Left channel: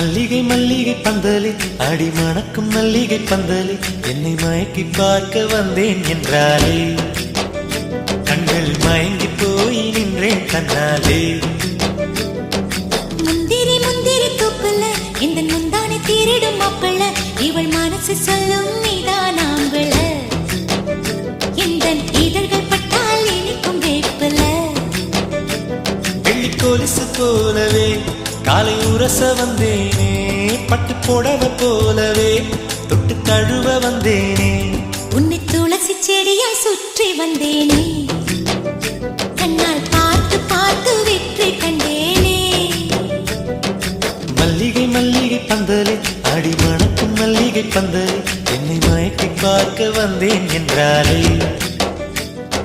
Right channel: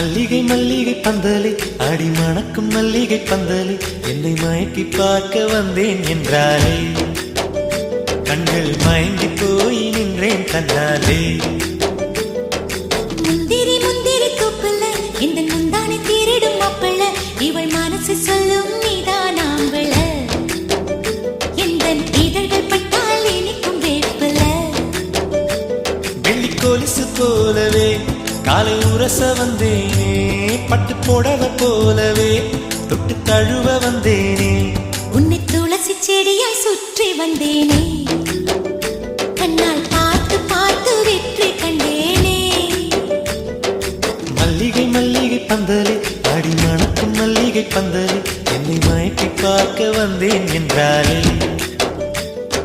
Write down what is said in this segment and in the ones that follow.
மல்லிகை மல்லிகை பந்தலே ஆடி மணக்கும் மல்லிகை பந்தலே என்னை மயக்கி பார்க்க வந்தேன் என்றாலே கண்கள் மயங்கி போய் நின்றேன் தன்னாலே. முந்திரி முந்திரி தூப்பல இந்த முந்தானை தீரிடும் மாப்பிள்ள இவள் மனசு சொல்லும் நீதான் ஆம்பள இந்த இதழ்கள் பட்டால் இனிக்கும் வேப்பல. வெள்ளி கொலுசு போலவே காலை உரச வந்தேனே பட்டு போடவ போலவே தொட்டு தழுவ வந்தேனே உன்னை துளசி செடியாய் சுற்றி வந்தேனே கண்ணால் பார்த்து பார்த்து வெற்றி கண்டேனே. மல்லிகை மல்லிகை பந்தலே அடி மணக்கும் மல்லிகை பந்தலே என்னை மயக்கி பார்க்க வந்தேன் என்றாலே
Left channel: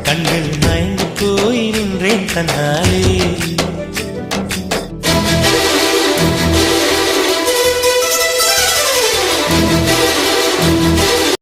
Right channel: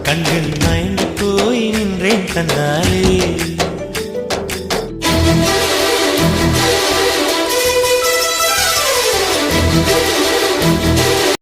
கண்கள் மயங்கி போய் நின்றேன் தன்னாலே.